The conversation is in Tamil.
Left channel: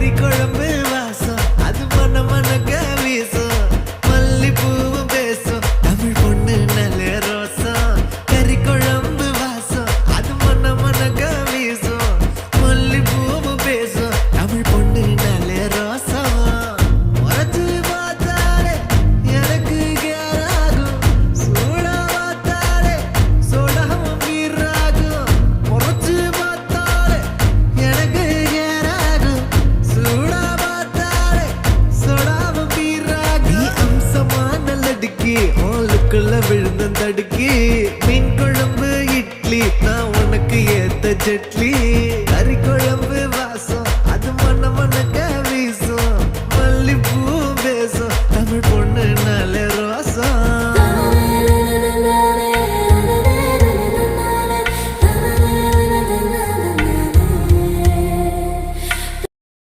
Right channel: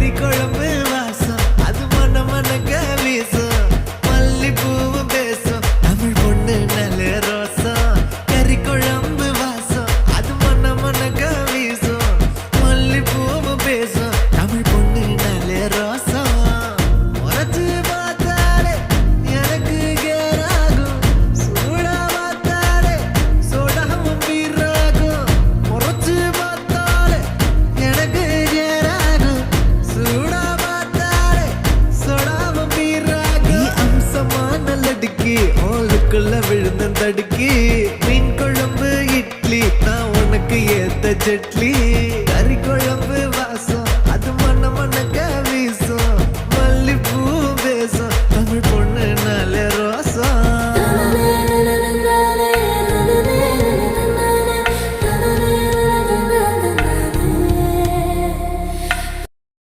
கறி குழம்பு வாசம் அது மன மனக்க வீசும் மல்லிப்பூவும் பேசும் தமிழ் பொண்ணு நல்ல ரோசம் கறி குழம்பு வாசம் அது மன மனக்க வீசும் மல்லிப்பூவும் பேசும் தமிழ் பொண்ணு நல்ல ரோசம் முறைச்சு பார்த்தாலே எனக்கு கேராகும் சூடா பார்த்தாலே சோடாவும் வீராகும் முறைச்சு பார்த்தாலே எனக்கு கேராகும் சூடா பார்த்தாலே சோடாவும் வீராகும் அம்சமான லடுக்கி ஆளுக்குள்ள விழுந்த தடுக்கி மீன் குழம்பு இட்லி நான் உனக்கு ஏத்த சட்லி கறி குழம்பு வாசம் அது மன மனக்க வீசும் மல்லிப்பூ பேசும் தமிழ் பொண்ணு நல்ல ரோசம்